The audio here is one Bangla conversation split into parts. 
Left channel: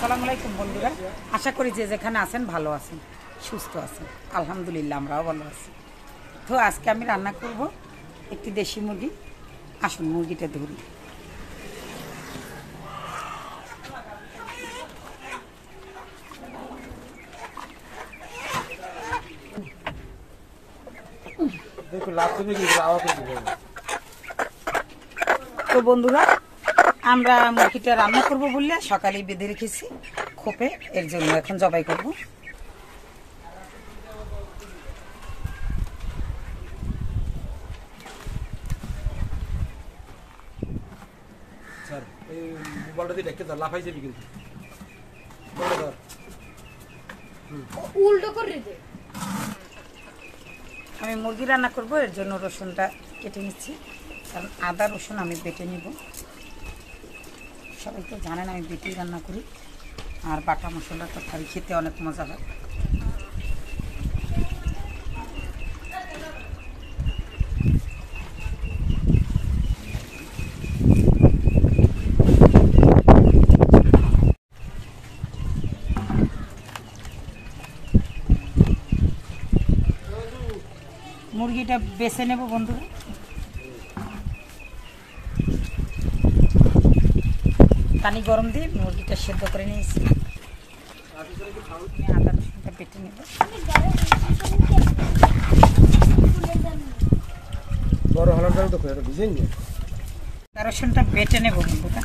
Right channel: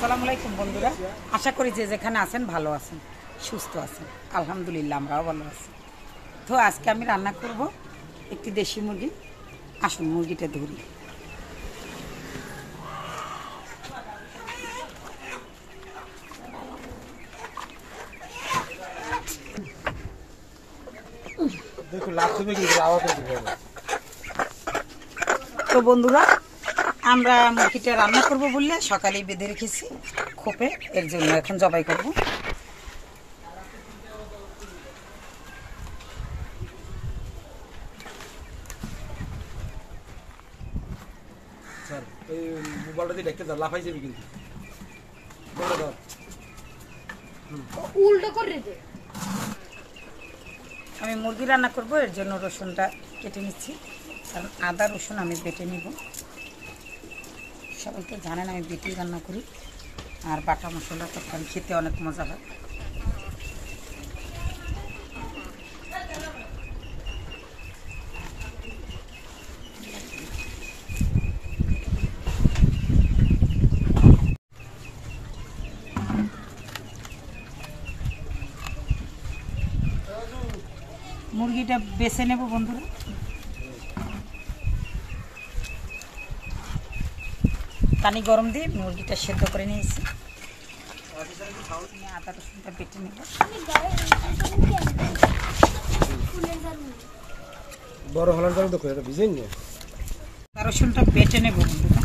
আসসালামু আলাইকুম বন্ধুরা, আশা করি যে যেখানে আছেন ভালো আছেন, সুস্থ আছেন। আলহামদুলিল্লাহ আমরাও ভালো আছি। তো আজকে আমি রান্না করব একটি দেশি মুরগি। আসুন মুরগিটা ধরি। তো বন্ধুরা, আমরা মুরগিটা রান্না করব বললে সকালেই বেঁধে রেখেছি খোপে, এর জন্য এখন জবাই করব। আমি মুরগি রান্না করব, এর জন্য রসুনটা কেটে নিচ্ছি, কারণ আদা রসুন আমি বেটে নিব। সবাই তো জানেন আমি বেটেই রান্না করি, আর বাটা মশলা তরকারি খেতে অনেক মজা হয়। মুরগিটা বেছে নেব বন্ধুরা। পানি গরম দিয়ে মুরগিটা সেদ্ধ করে নিয়েছি। আদা রসুনটা বেটে নেব। আদা রসুনটা বেটে নেব বন্ধুরা।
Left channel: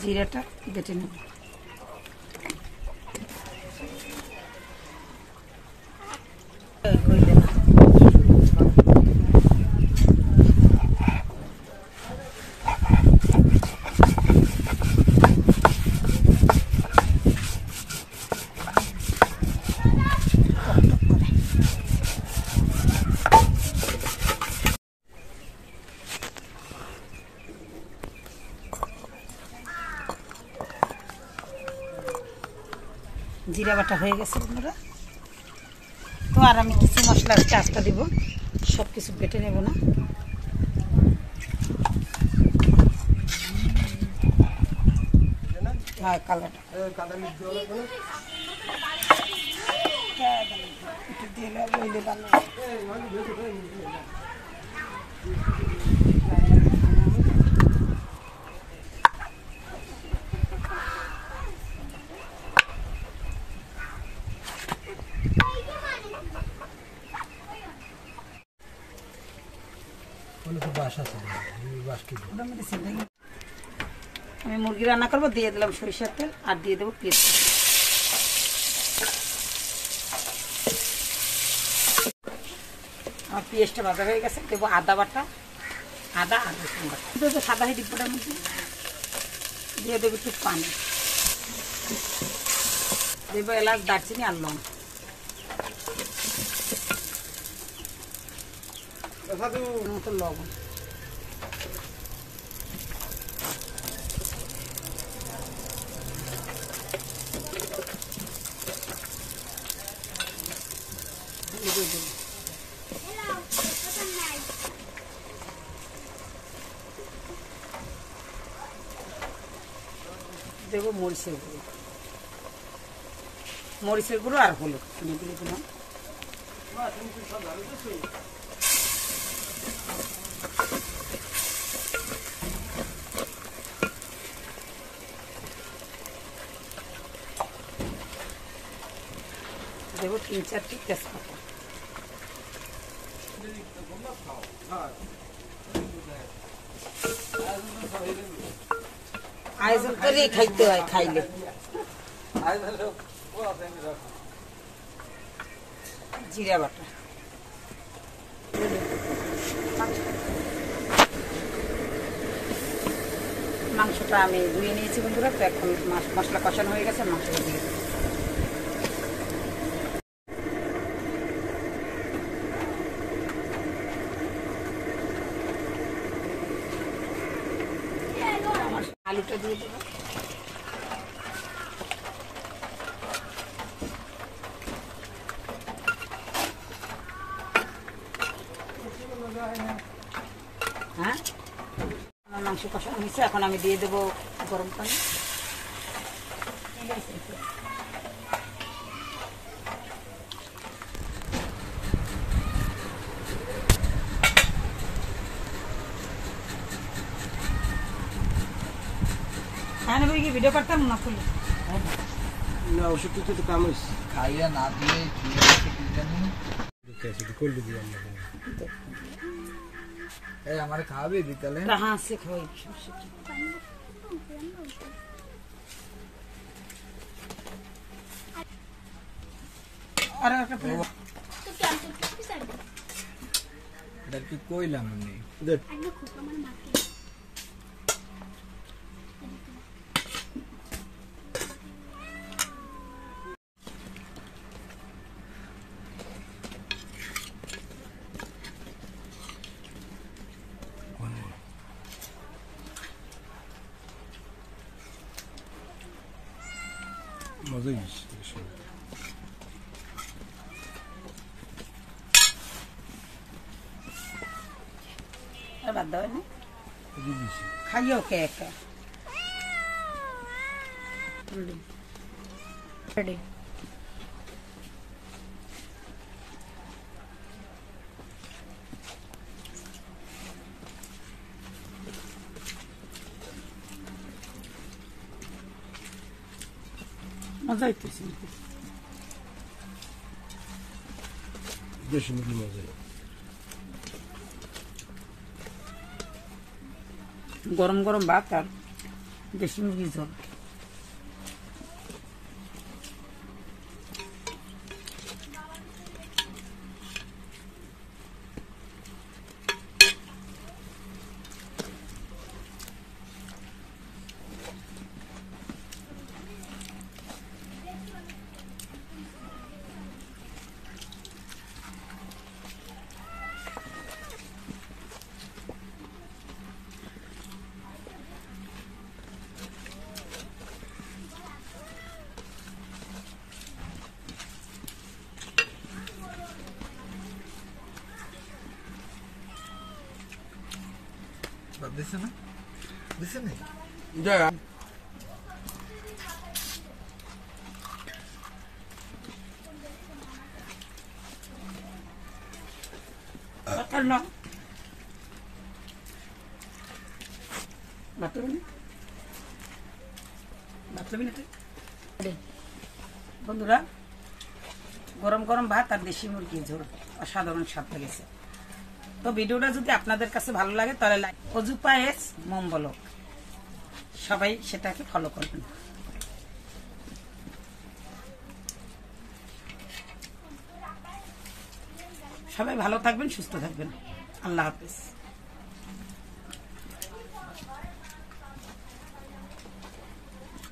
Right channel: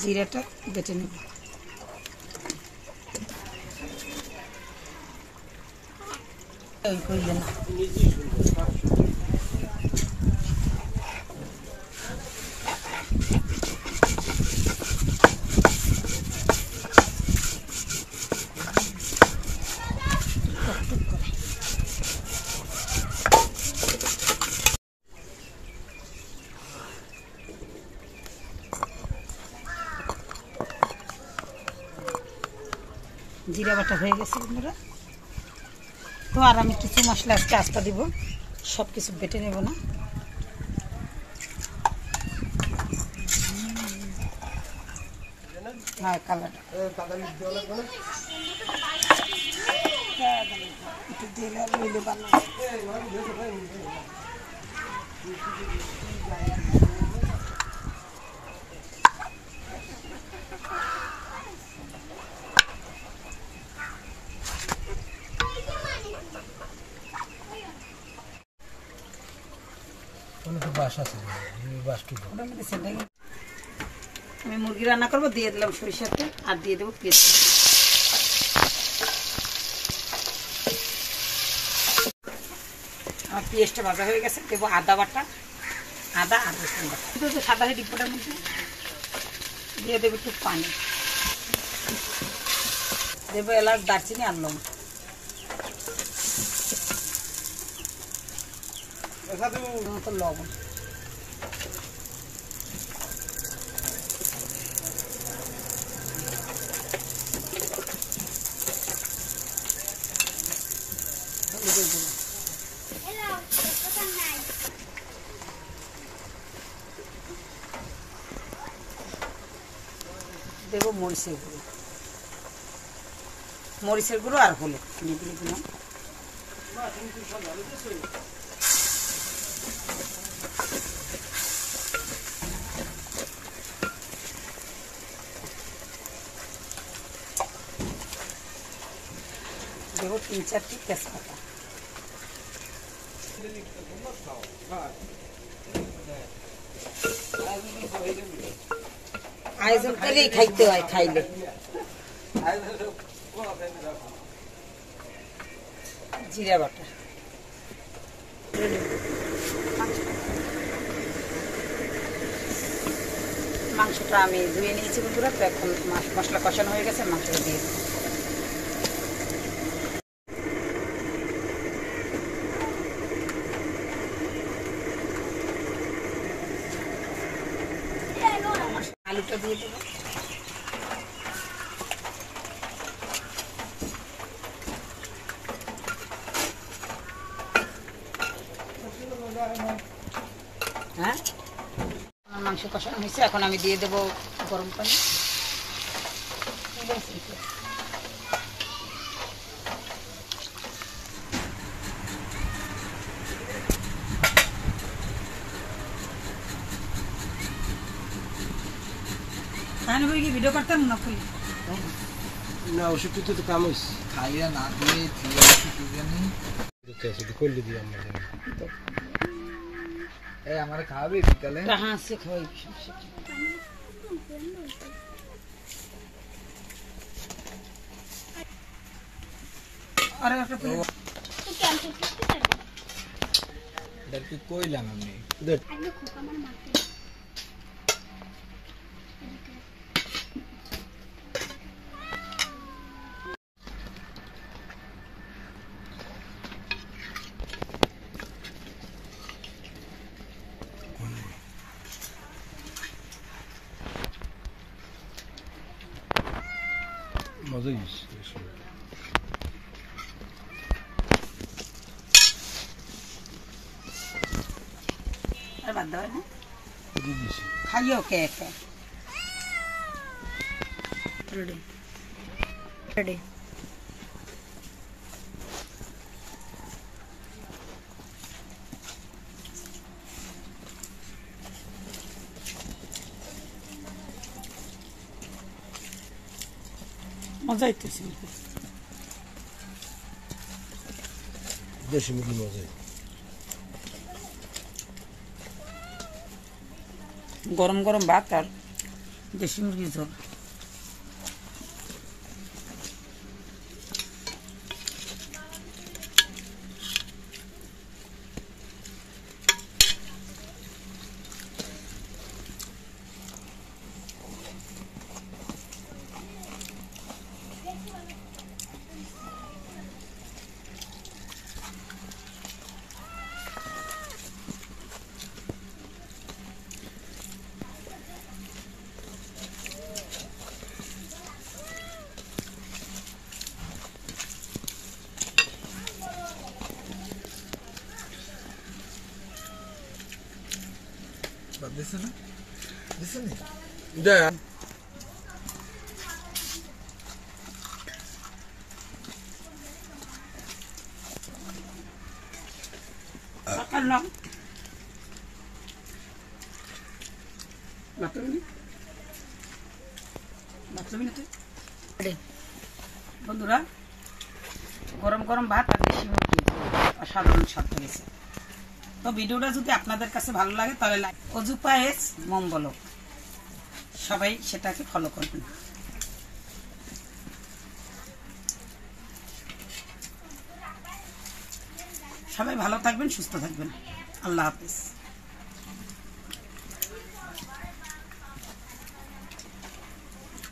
জিরাটা বেটে নেব। জিরা বাটা হয়ে গেছে বন্ধুরা। তো আর আমি কিছু মশলা আজকে আস্তা দিব, সব কিছু বেটে নেব না। হ্যাঁ, কালারটা একটু দিলে রইলে ভালো। আমি মুরগি রান্না করবো, দিয়ে দিলাম সরিষার তেল আর দিয়ে দেবো পেঁয়াজ। আমার পেঁয়াজটা ভাজা হয়ে গেছে, দেবো আদা বাটা, আদা আর রসুন বাটা। দেবো সাদা ডিব্বাটার মধ্যে, দিয়ে দেবো একটু পানি, দেবো এলাচ, দারচিনি আর লবণ। লবণ দেবো মরিচের গুঁড়ো, মরিচের গুঁড়ো আর হলুদ দিয়ে দিলাম। দেবো 3-4টি তেজপাতা। আয়োজন করেই খাইতে হয়, খাইলে জিরা বাটা। মাংসটা আমি ধুয়ে নিয়েছি বন্ধুরা। তো এখন মশলা কষানো হয়ে গেছে, মাংসটা দিয়ে দিই। আলুটা দিয়ে দেবো। হ্যাঁ, আমার মাংস কষানো হয়েছে, এখন আমি দিয়ে দেবো গরম পানি। খাই না কি ভিডিও করতাম না খুলি না ওষুধ তো কাম হয়েছে খাইয়া না দিয়ে দিয়ে কি জানি করলে দিয়ে আমরা এই আমার খাবে বিকালে হ্যাঁ সে খাওয়াই আরে একটা কি কইলাম আমি মজা হয়েছে আর বাদ দাও না দিয়ে দিছি খাইও কে একা রেডি রেডি মজা হইতেছে বেশি মিলি মজা গরম গরম ভাত আর দেশি মুরগির ঝোল। দিছে না দিছে না দেখ বন্ধুরা গরম গরম ভাত আর দেশি মুরগি অসাধারণ স্বাদ লেগেছে। তো ভিডিওটা যদি আপনাদের কাছে ভালো লাগে তাহলে লাইক অজু পায়েস মম বলো সবাই সেটাকে ফলো করবেন। সবাই ভালো থাকবেন, সুস্থ থাকবেন। আল্লাহ হাফেজ।